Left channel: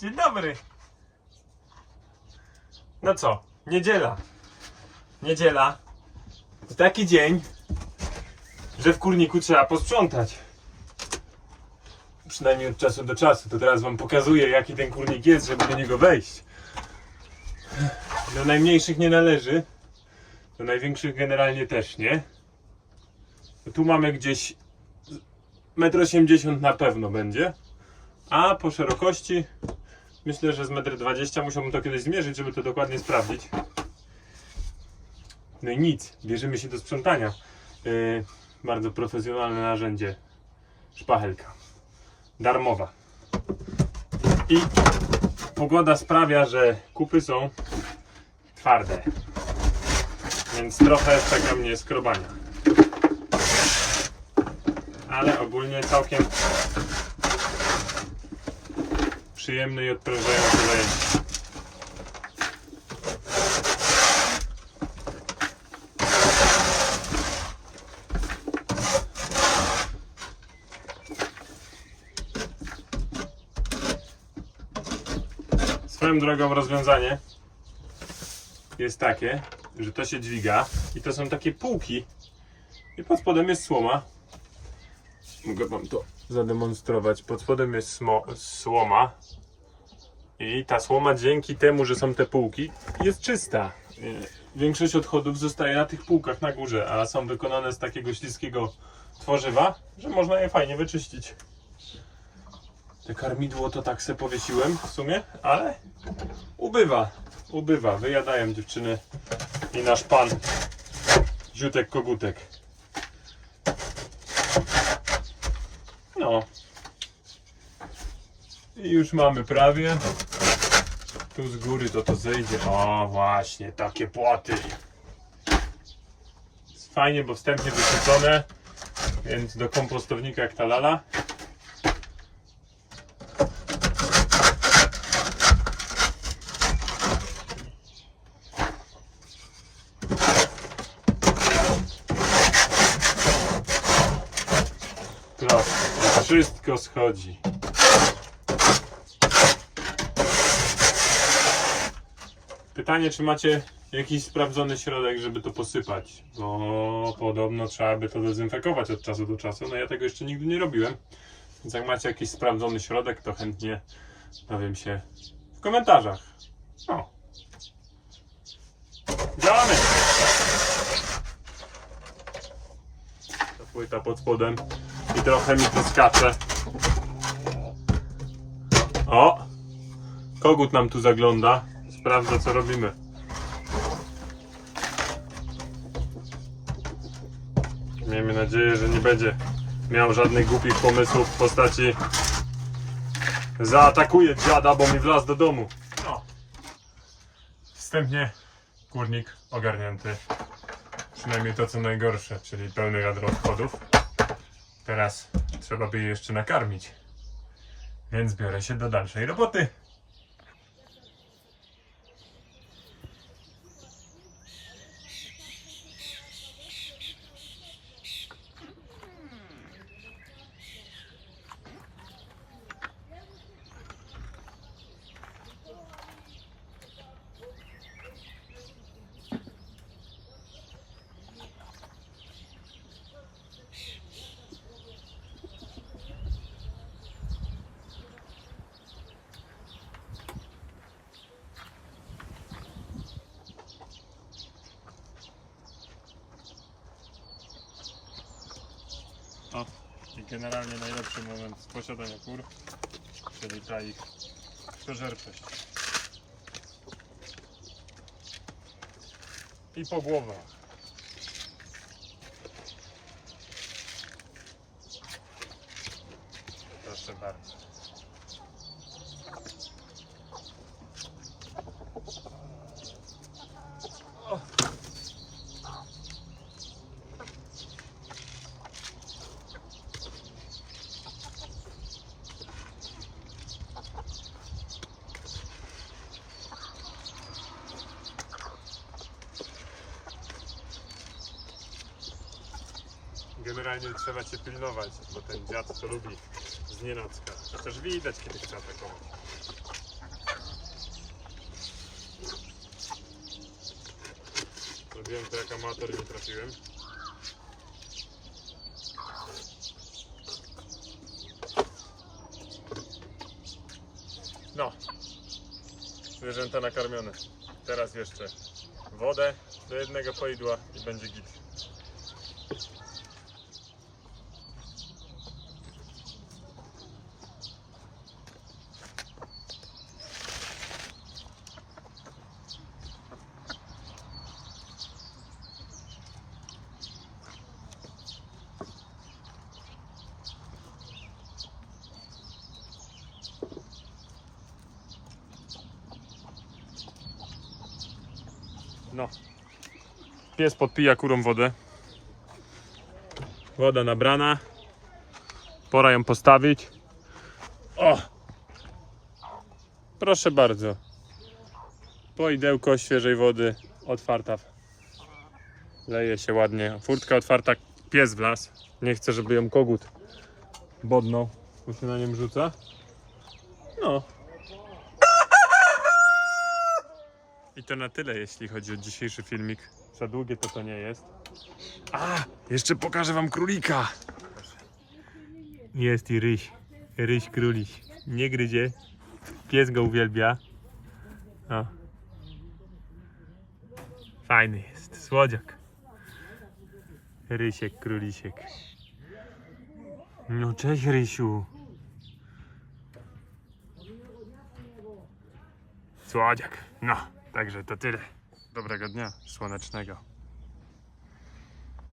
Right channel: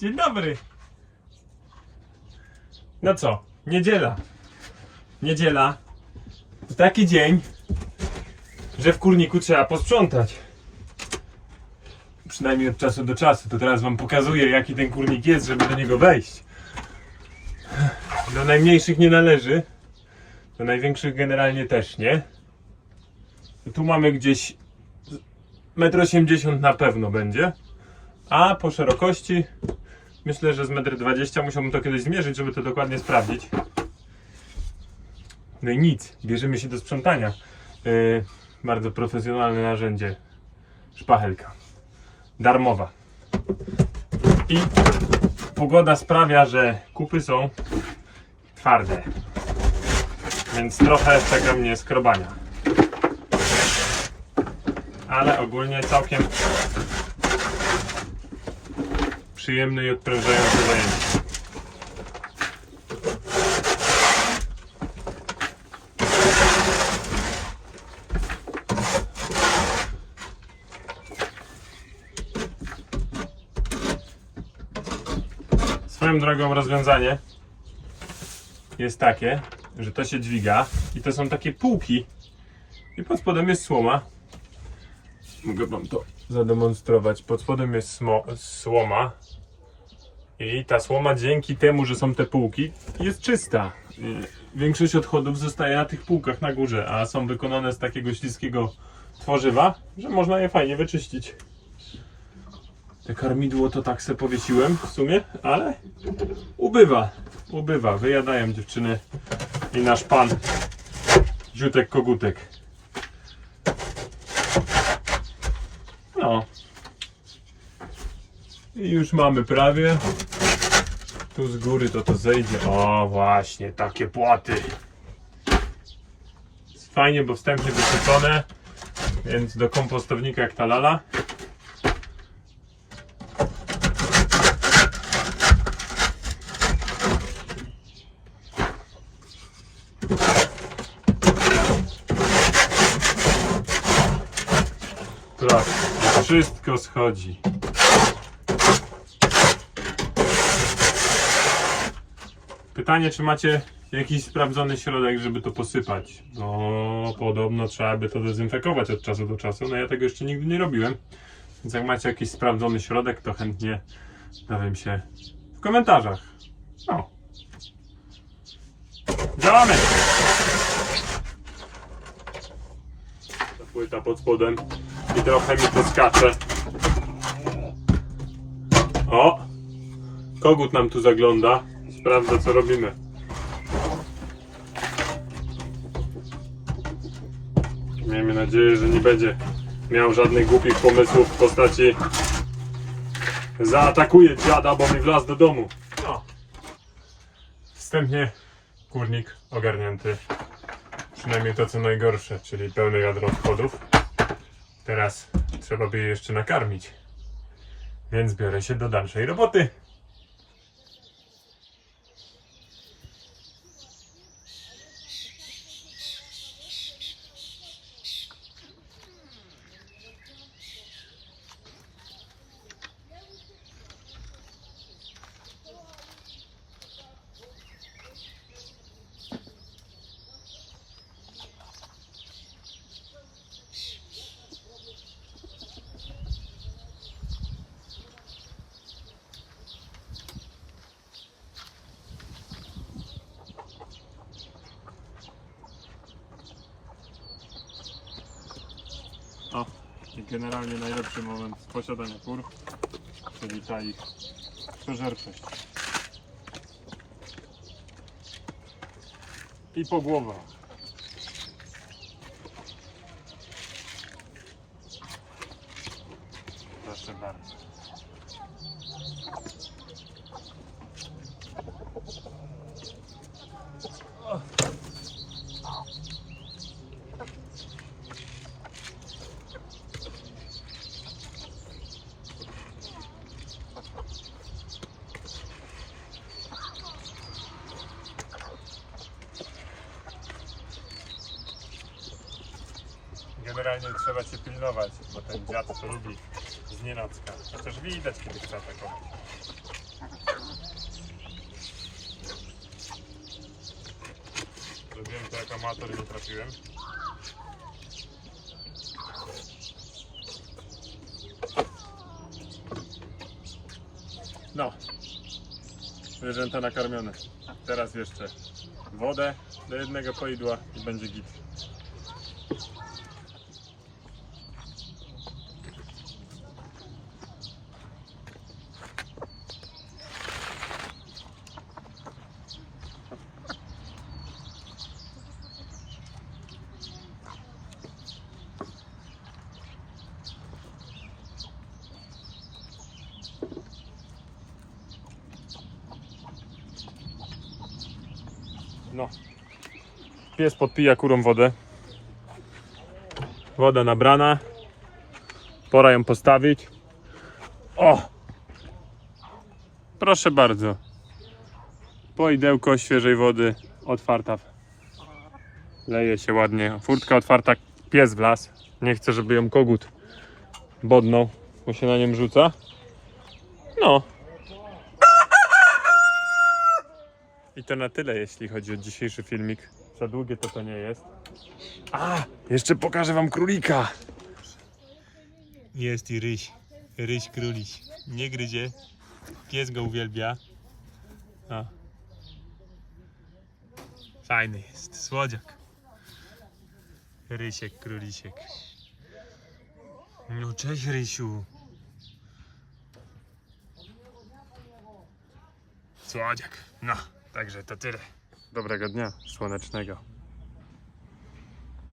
Dzień dobry. No co? Niedziela. Niedziela. To taki dzień, że w kurniku trzeba posprzątać. Przynajmniej od czasu do czasu. To teraz wam pokazuję, jaki ten kurnik jest, żeby do niego wejść. Do najmniejszych nie należy. Do największych generalnie też nie. Tu mamy gdzieś 1,80 m na pewno będzie. A po szerokości myślę, że z 1,20 m musiałbym to kiedyś zmierzyć, żeby to dokładnie sprawdzić. No i nic, bierzemy się do sprzątania. Yy, bardzo profesjonalne narzędzie. Szpachelka. Darmowa. I pogoda sprawia, że kupy są twarde. Więc trochę czeka mnie skrobania. Ale ogólnie całkiem przyjemne i odprężające zajęcie. Swoją drogą rozwiązanie jest takie, że to się dźwiga i to są takie półki i pod spodem jest słoma. Mogę wam to zademonstrować. Pod spodem jest słoma i ta słoma dzięki temu, że są te półki jest czysta. Większość odchodów zostaje na tych półkach na górze, a są wykonane z takiego śliskiego tworzywa, że można je fajnie wyczyścić. Te karmidło to tak se powiesiłem w sumie, ale ubywa, ubywa. Wyjadają dziewczyny i nasz pan Ziutek Kogutek. No. I już mamy prawie. Tu z góry to to zejdzie. O, właśnie, takie płaty. Jest Fajnie, bo wstępnie wysypane, więc do kompostownika jak ta lala. Proszę, wszystko schodzi. Pytanie, czy macie jakiś sprawdzony środek, żeby to posypać? No, podobno trzeba by to dezynfekować od czasu do czasu. No ja tego jeszcze nigdy nie robiłem. Więc jak macie jakiś sprawdzony środek, to chętnie dowiem się w komentarzach. No. Działamy! Ta płyta pod spodem i trochę mi poskacze. O! Kogut nam tu zagląda. Sprawdza co robimy. Miejmy nadzieję, że nie będzie miał żadnych głupich pomysłów w postaci zaatakuje dziada, bo mi wlazł do domu. No. Wstępnie kurnik ogarnięty. Przynajmniej to co najgorsze, czyli pełny wiadro odchodów. Teraz trzeba by je jeszcze nakarmić. Więc biorę się do dalszej roboty. O, i generalnie najlepszy moment posiadania kur, czyli ta ich przeżerczość. I po głowach. Proszę bardzo. generalnie trzeba się pilnować, bo ten dziad to lubi z nienacka. też widać, kiedy chce atakować. Zrobiłem to jak amator nie trafiłem. No, zwierzęta nakarmione. Teraz jeszcze wodę do jednego poidła i będzie git. No. Pies podpija kurą wodę. Woda nabrana. Pora ją postawić. O! Proszę bardzo. Poidełko świeżej wody. Otwarta. Leje się ładnie. Furtka otwarta. Pies w las. Nie chcę, żeby ją kogut bodnął, bo się na nim rzuca. No. I to na tyle, jeśli chodzi o dzisiejszy filmik. Za długie to to nie jest. A, jeszcze pokażę wam królika. Jest i ryś. Ryś króliś. Nie gryzie. Pies go uwielbia. O. Fajny jest. Słodziak. Rysiek, królisiek. No cześć Rysiu. Słodziak. No, także to tyle. Dobrego dnia słonecznego.